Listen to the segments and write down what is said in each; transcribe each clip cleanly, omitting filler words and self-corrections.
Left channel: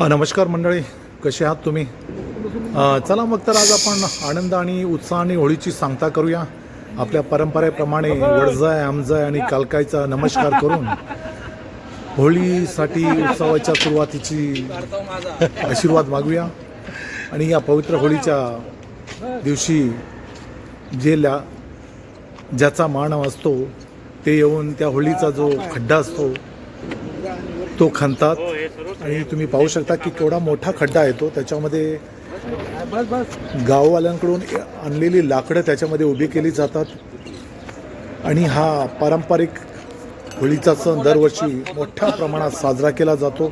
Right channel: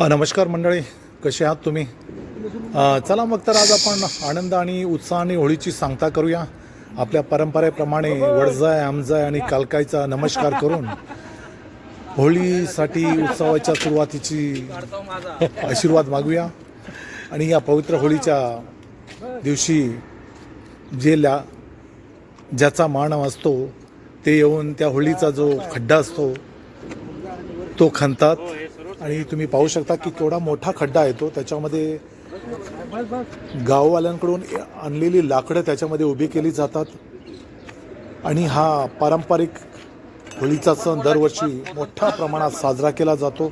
नमस्कार मंडळी, कसे आहात तुम्ही? चला मग तर आज आपण आनंद आणि उत्साहाने होळीची सांगता करूया. आपल्या परंपरेप्रमाणे वडजाय आमजाय आणि कालकायचा नमस्कार करून होळीसाठी उत्सवाच्या सुरुवातीची आशीर्वाद मागूया. आणि या पवित्र होळीच्या दिवशी ज्याचा मान असतो ते येऊन त्या होळीचा जो खड्डा असतो तो खणतात. आणि तुम्ही पाहू शकता की केवढा मोठा खड्डा आहे तो. त्याच्यामध्ये गाववाल्यांकडून आणलेली लाकडं त्याच्यामध्ये उभी केली जातात. आणि हा पारंपरिक होळीचा सण दरवर्षी मोठ्या प्रमाणात साजरा केला जातो.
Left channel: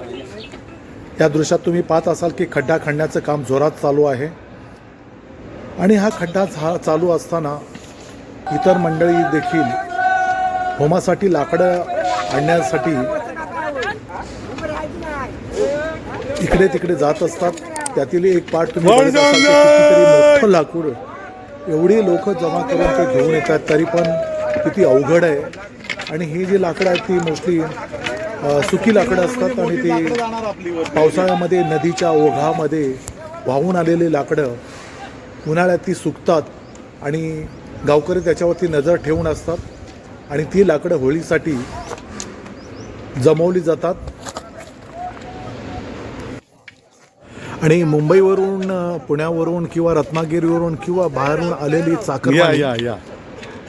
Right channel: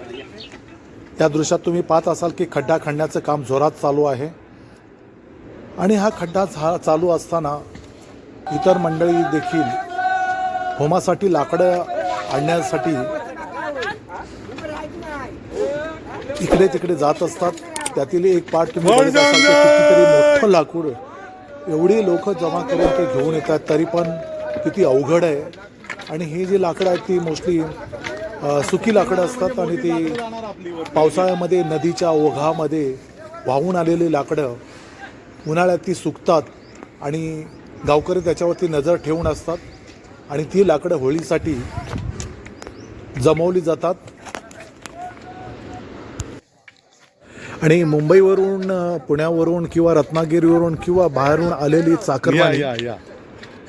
या दृश्यात तुम्ही पाहत असाल की खड्डा खणण्याचं काम जोरात चालू आहे. आणि हा खड्डा चालू असताना इतर मंडळी देखील होमासाठी लाकडं आणण्यासाठी इकडे तिकडे जात असतात. त्यातील एक पार्ट तुम्ही बघत असाल की कितीतरी मोठं लाकूड एवढी लोक जमा करून ते घेऊन येतात, तरी पण किती अवघड आहे. आणि ही जी लाकडं आहेत ती मोस्टली सुकी लाकडं असतात आणि ती पावसाळ्यामध्ये नदीच्या ओघामध्ये वाहून आलेली लाकडं उन्हाळ्यात ती सुकतात आणि गावकरी त्याच्यावरती नजर ठेवून असतात. आणि ती लाकडं होळीसाठी जमवली जातात. आणि मुंबईवरून, पुण्यावरून किंवा रत्नागिरीवरून किंवा बाहेरून आलेली चाकरमानी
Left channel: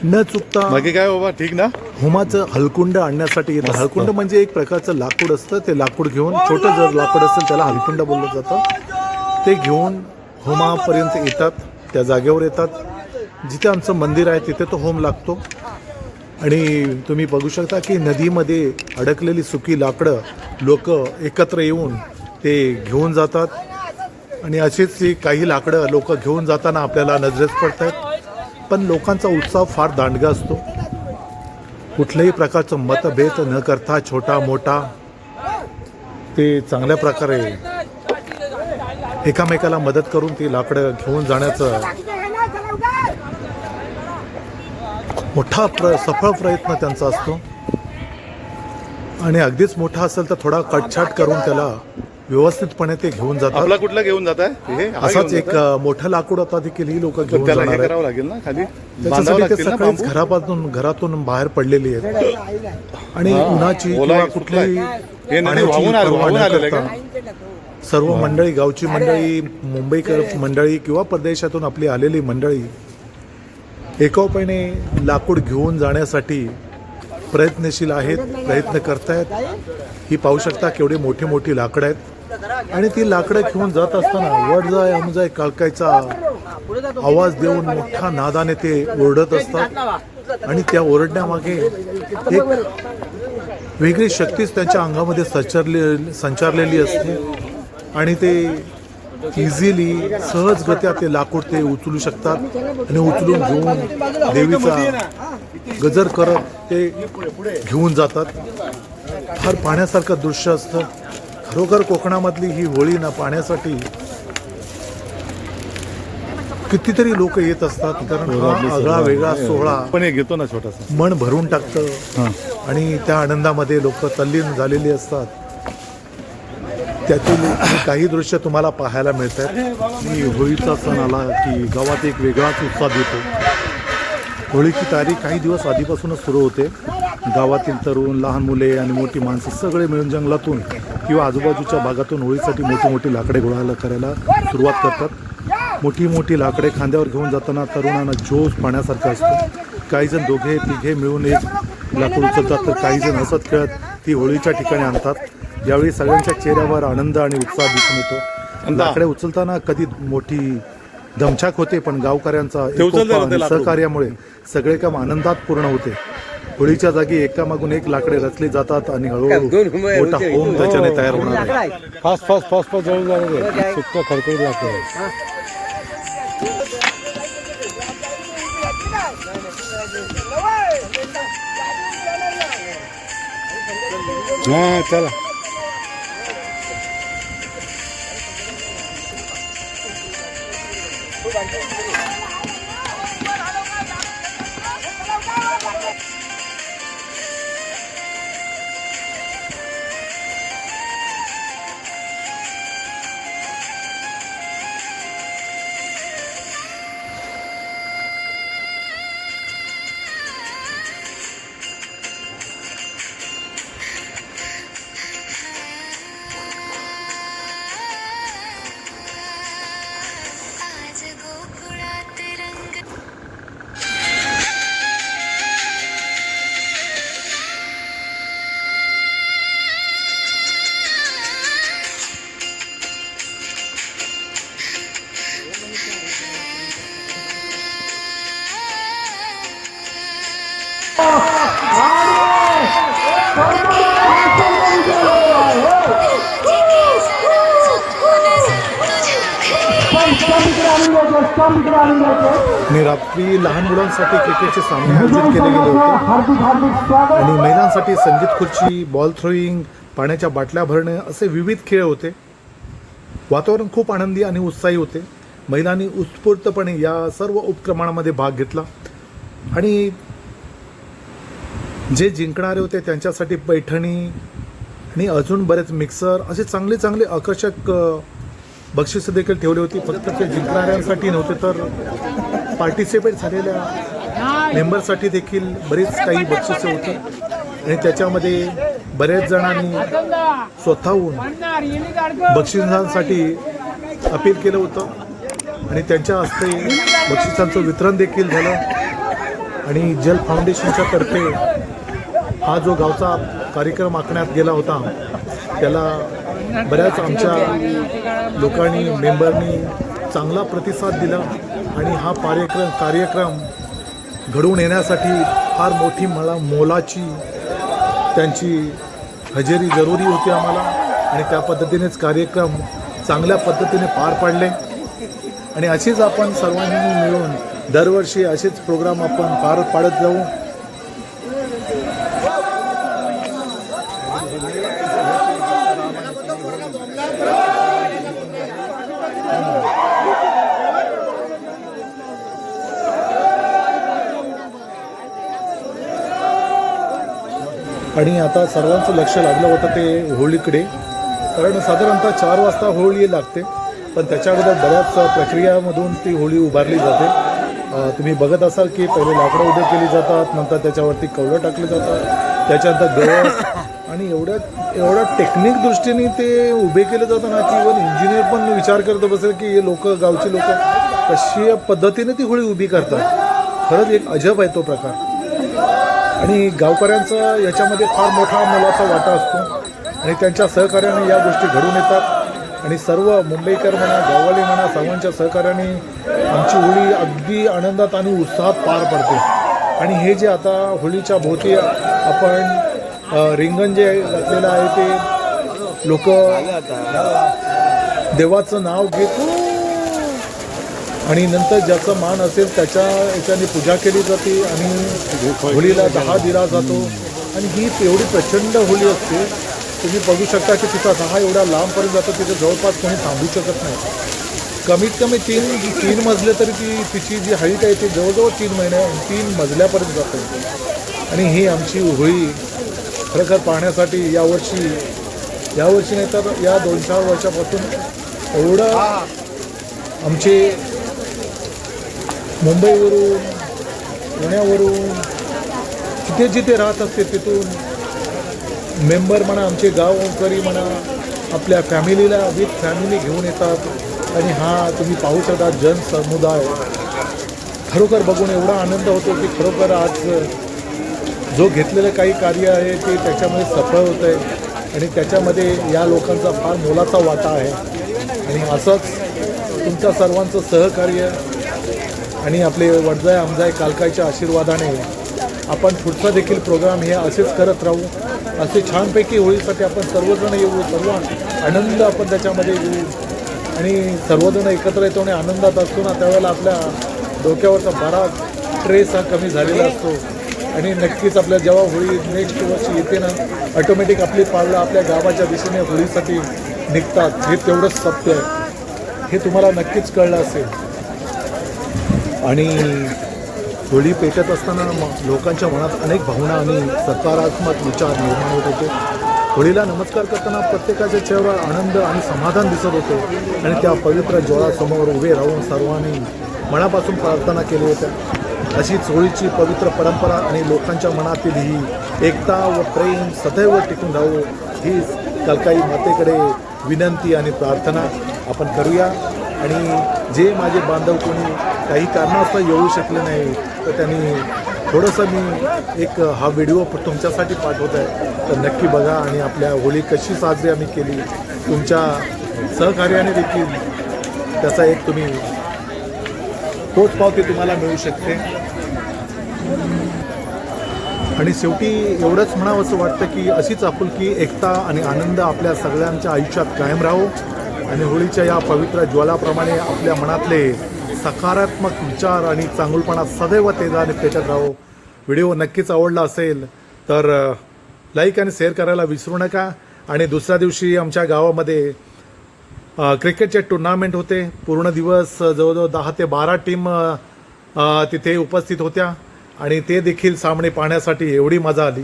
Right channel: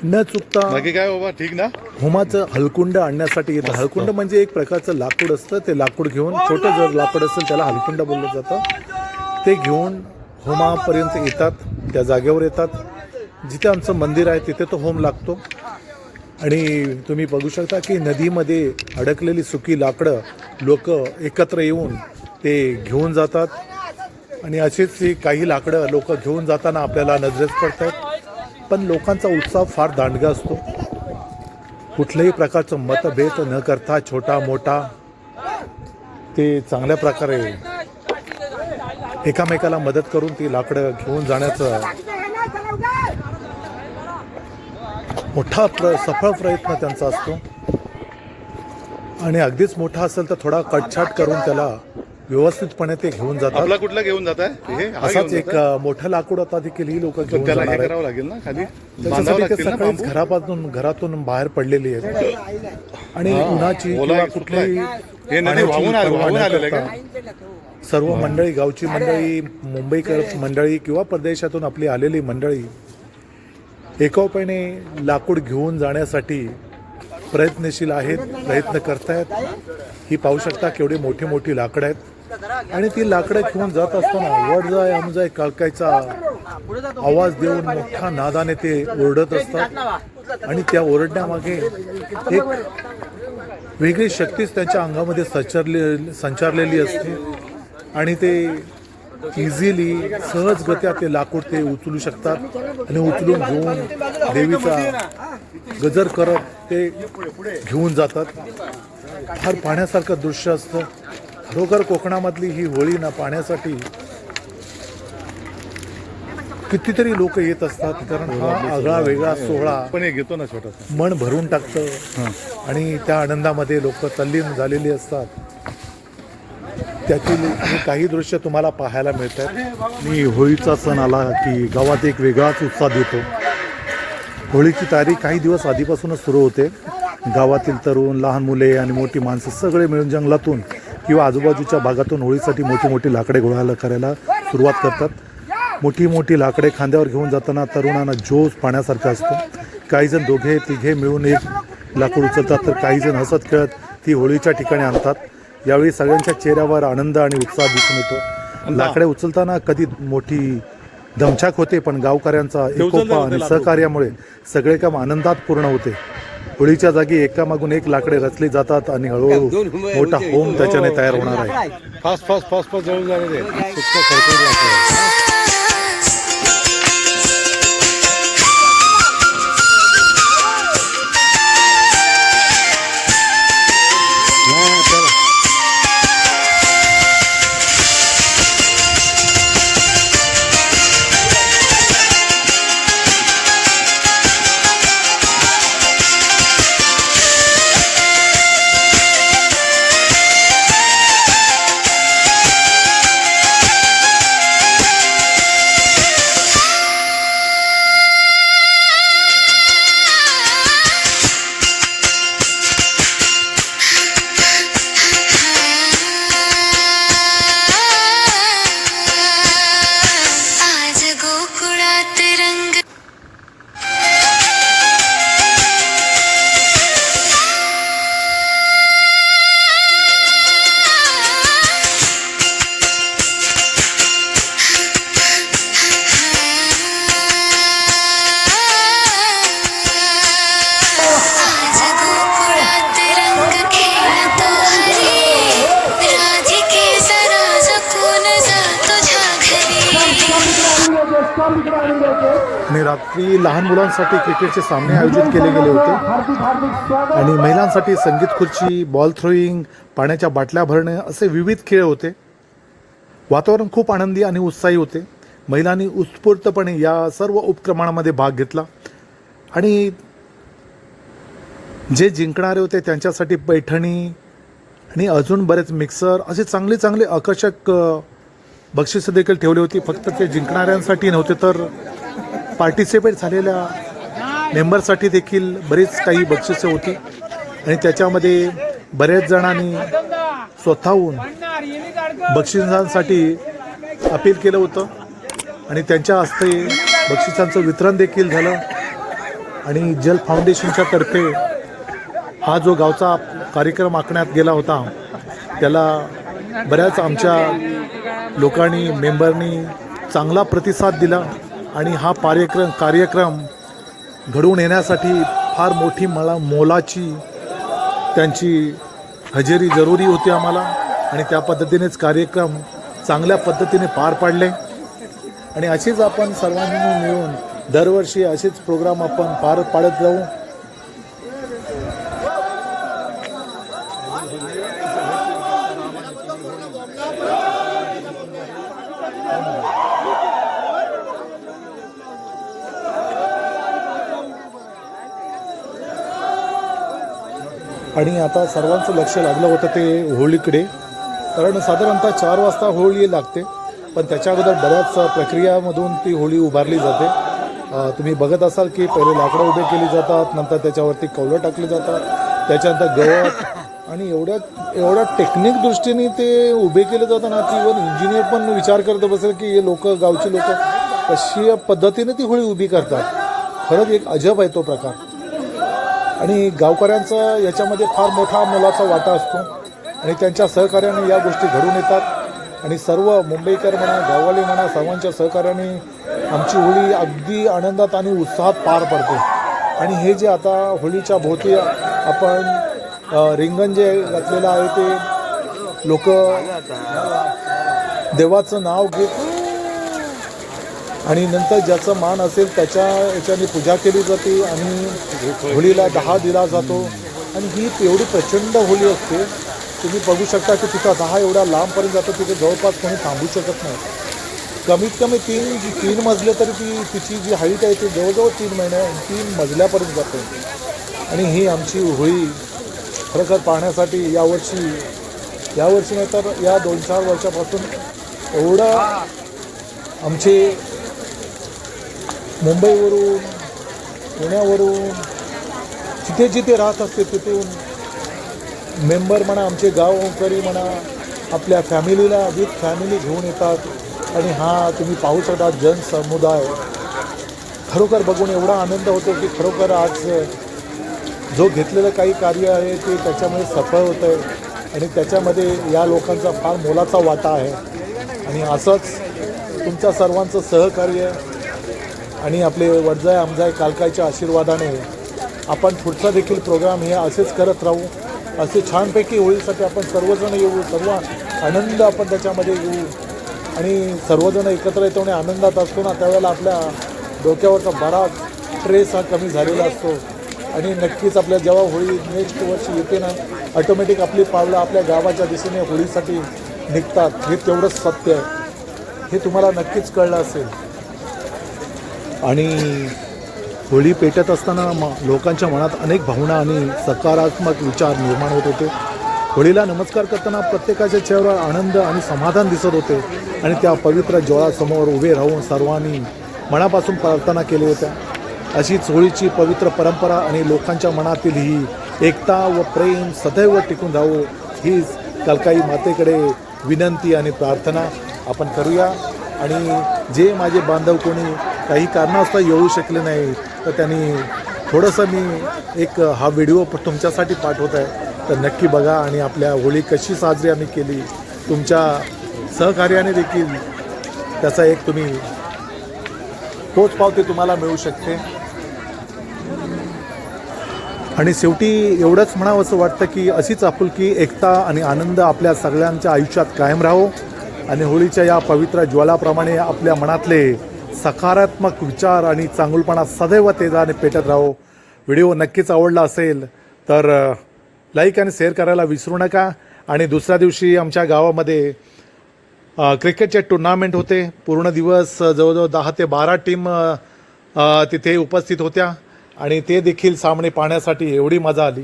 न चुकता काय बाबा ठीक ना होमाचं हलकुंड आणण्यासाठी येतं. हलकुंड म्हणजे एक प्रकारचं लाकूड असतं. ते लाकूड घेऊन, छोटं जर लाकूड असेल त्याला हलकुंड बोललं जातं, ते घेऊन होमापर्यंत येतात. त्या जागेवर येतात जिथे आमचं मंदिर आहे, तिथे तो होम लागतो. आणि तुम्ही बघू शकता की नदीमध्ये अडकलेली सुकी लाकडं लोक एकत्र येऊन ते घेऊन जातात. आणि अशीच काही लाकडं लोक घेऊन जाताना आपल्याला नजरेस पडतात. पण लोकांचा उत्साह फार दांडगा असतो. कुठल्याही प्रकारचं मतभेद न करता छोटा मोठा ते चांगल्या प्रकारे एकामेकाला मदत करून ती लाकडं घेऊन जाण्याचं मोठा सफळ प्रयत्न त्यांचा असतो. आणि अगदीच मोठा असेल तर थोडा कटछाट करून त्याला व्यवस्थितपणे ते घेऊन जातात. आपला कुठला घेऊन जात आहे? असाच एक मोठं लाकूड आता देखील ही लोक घेऊन जाणार आहेत. करावं लागेल ना खाली, त्याच्यासाठी ते सकाळीच घरातून बाहेर पडलेली आहेत. आणि उन्हाची किंवा कुठल्याही सर्व मंडळी, गावची मंडळी, मुंबईकर मंडळी किंवा परदेशातून आपली आलेली मंडळी एकोप्याने लाकूड घेऊन जाण्यासाठी प्रयत्नशील आहेत, प्रयत्न करतायत. ही पाहू शकता केवढी मोठी मोठी लाकडं आहेत. आणि ती लाकडं घेऊन जात असताना वडजाय आमजाय कालकायचा आवाज देऊन मोठ्या नादाने ते ओरडत असतात. आणि त्या ओरडण्यामागे एक वेगळी शक्तीच त्यांच्या अंगामध्ये संचारलेली असते. आणि ते इझिली, सहजगत्या ते लाकूड ते उचलू शकतात. आणि उचलून घेऊन देवीचा गजर करत ते घेऊन जातात. फार पाहण्यासारखं दृश्य असतं. खरोखर कोकणामधली ही होळी ना पाहण्यासाठी कितीतरी लोक येत असतात. कारण हा आगळा वेगळा सोहळा पण एक घेतो ना छोटासा, मन भरून टाकतं. आणि त्या आनंदामध्ये लोक तल्लीन झालेली असतात. त्यातील काही दृश्य तुम्हाला पाहायला मिळतात. मी होळीचा सण आला की गावात एक वेगळाच उत्साह देतो. होळीची तारीख काही दिवस आधीपासूनच सुरू होते. गावातील तरुण, लहान मुले आणि मोठी माणसं सगळे मिळून जंगलातून किंवा आजूबाजूच्या भागातून होळीसाठी मोठी मोठी लाकडे गोळा करायला सुरुवात करतात. मोठी मोठी लाकडे खांद्यावर घेऊन जाताना तरुणांना जोश पाहण्यासारखा असतो. काहीजण दोघे तिघे मिळून एक लाकूड उचलतात, तर काहीजण हसत खेळत ती होळीच्या ठिकाणी आणतात. यावेळी सगळ्यांच्या चेहऱ्यावर आनंद आणि उत्साह दिसून येतो. लाकडे उचलताना कधी मोठी दमछाक होते, पण गावकऱ्यांचा सहकार्यामुळे सगळे काम आनंदात पूर्ण होते. होळीच्या जागी एकामागून एक लाकडे रचली जातात आणि हळूहळू मोठा होम त्याच्याने तयार होणार आहे. फास्ट फास्ट फास्ट फास्ट जवळ जाणार आहे. खडखड लागतं. चला आणि रात्री लहान मुलांसाठी क्रिकेटचे सामने आयोजित केले गेले होते आणि महिलांसाठी संगीत खुर्ची, बॉल थ्रोईंग, पाण्याच्या बाटल्या भरणे असे विविध खेळ होते. वातावरण खूप आनंदी आणि उत्साही होते. महिलांनी उत्स्फूर्तपणे या सर्व उपक्रमांमध्ये भाग घेतला आणि जे जिंकणारे होते त्यांच्यासाठी पैठणी आणि अजून बरेच मिक्सर असे चांगले चांगले आकर्षक बक्षिसं देखील ठेवली होती. फक्त ते जिंकणाऱ्यांसाठी नव्हते तर पार्टिसिपेट झालेल्या मेंबरसाठी देखील बरीच काही बक्षिसं होती आणि त्याच्यामध्ये बरेच जणांनी स्वतःहून बक्षिसांसाठी अपील केलं होतं आणि त्यांच्या हस्ते बक्षिसांचं वितरण देखील झालं. आणि जल फाउंडेशनच्या तर्फे हा जो गावचा कार्यक्रम आखण्यात गेला होता त्याला बऱ्याच आमच्या लोकांनी, मेंबरनी चांगला प्रतिसाद दिला आणि हा कार्यक्रम घडवून येण्यासाठी फार मोठी मोलाची त्यांची हजेरी जरुरी होती आम्हाला आणि त्या पद्धतीनेच कार्यक्रम चांगल्या पद्धतीने पार पाडले. आणि अशीच आपण सर्वांनी मिळून दरवर्षी असेच प्रोग्राम आपण पार पाडत जाऊ. आणि आता सर्वांचं लक्ष लागलं होतं ते होळीकडे, कारण साधारणतः 4 वाजता होळी लागते, पण त्याच्या अगोदर बऱ्याच प्रक्रियामधून ती होळी उभारली जाते. तुम्ही बघत असाल की पहिले लाकडं उभे केली जातात, नंतर त्याच्यावरती कवलं टाकले जातात, त्याच्यानंतर गवत आणि एवढ्या टेक्निक दृष्टीने ते उभे केले जातात ना की इव्हन इंजिनियर पण विचार करत बसेल की हे लोक, गावची लोक कशी पद्धतीने ती होळी उभी करतात. खरंच एक अजब आहे तो प्रकार आणि गावकऱ्यांचा याच्यामध्ये फार मोठा मोलाचा वाटा असतो आणि त्यांच्या सहकार्याने या गोष्टी घडून येतात आणि सर्व मुंबईकर म्हणा, गाववाले म्हणा, सर्वांच्या सहकार्याने आमची होळी अगदी आनंदात आणि उत्साहात पार पडते. आणि हे जे आता होळीच्या भोवती आपण रिंगण जे घातलेलं आहे ते लोक देवाचं नाव घेत आणि नंतर ज्याचं मान असेल त्याच्या याच्याने पूजा केली जाते आणि होळीला 10 दिला जातो. आणि ही एवढी प्रचंड होळी असते, तुम्ही बघू शकता की तिथं 10 एवढ्या लांबपर्यंत जातं, तिथे जवळपास कोणी थांबू शकत नाही. कमीत कमी तीन मजले तरी तिची जी हाईट आहे ती जवळजवळ 3 मजल्यापर्यंत जातो. आणि ही आमची होळी खरोखर पाहण्यासाठी यावर्षी नाही तर या 2-4 वर्षापासून एवढं आमचे मुंबईवरून, पुण्यावरून, जिथे जिथे राहत असते तिथून मेंबर म्हणा, आमचे गावकरी म्हणा, आपल्या फॅमिलीला विथ फॅमिली घेऊन येतात आणि हा तुम्ही पाहू शकता जनसमुदाय. खरोखर बघून एवढा आनंद होतो की खरोखर आज जो घेतलेलं काही कार्य आहे ते त्याच्यामध्ये सफळ होतं आहे आणि त्याच्यामध्ये या लोकांचा फार मोलाचा वाटा आहे. आणि असंच तुमच्या सर्वांचं सहकार्य आणि आपले वडजाय आमजाय कालकायच्या आशीर्वादाने आपण पुढचा देखील प्रोग्राम हे असेच करत राहू. असे छानपैकी होळीसाठी आपण सर्वजण येऊ, सर्व आनंद आपण त्याच्यामध्ये येऊ आणि सर्वजण एकत्र येतो आणि आनंदात असतो ना, त्यावेळेला आपल्या डोक्यावरचा बराच स्ट्रेस हा कमी झालेला असतो. आणि नक्कीच आपल्या जेव्हा होळी नेक्स्ट वर्षी येते ना, ऑटोमॅटिक आपली पावलं आपल्या गावाच्या दिशेने होळीसाठी निघतात. हे तेवढंच सत्य आहे, हे तुम्हाला नक्कीच कळलं असेल. आणि होळी पेटत असताना लोकांच्या मनात अनेक भावना आणि सकारात्मक विचार निर्माण होत होते. होळीला नमस्कार करताना प्रत्येकाच्या चेहऱ्यावर आनंद आणि समाधान दिसत होते आणि त्या पवित्र ज्वाळासमोर उभे राहून सर्वांनी मनापासून प्रार्थना केली होत्या. अशीच होळीची पवित्र परंपरा आणि लोकांच्या मनातील ही एकता व प्रेम सदैव टिकून राहावं हीच कलकाई मातेकडे विनंती आणि प्रार्थना आपण करूया. आणि जे माझे बांधव कोणी काही कारणास्तव येऊ शकले नाही तर त्यांनी थोडंसं मी एक हा व्हिडिओ तुमच्यासाठी पाठवत आहे, तर नक्की बघा. आणि आपल्या होळी कशी साजरी आम्ही केली तुमच्या सहकार्याने देखील त्याचा एक तुम्ही पोचपावती तुम्हाला मिळू शकते. आणि शेवटी एवढंच म्हणावं असं वाटतं की अशीच आपुलकी, एकता आणि आनंद आपल्या सगळ्यांच्या आयुष्यात कायम राहो आणि होळीच्या या पवित्र ज्वालाप्रमाणे आपल्या मनातले सकारात्मक विचार आणि चांगुलपणा सदैव तेजाने पेटत राहो. व्हिडिओ नक्कीच आवडला असेल तर लाईक आणि शेअर करायला विसरू नका. आणि दुसऱ्या दिवशी आमच्या गावामध्ये क्रिकेटचे टुर्नामेंट होते. पूर्ण दिवस जवळजवळ 10 ते 12 टीम तिथे उपस्थित होत्या आणि ते देखील सामने पाहण्यासाठी एवढी मजा आली.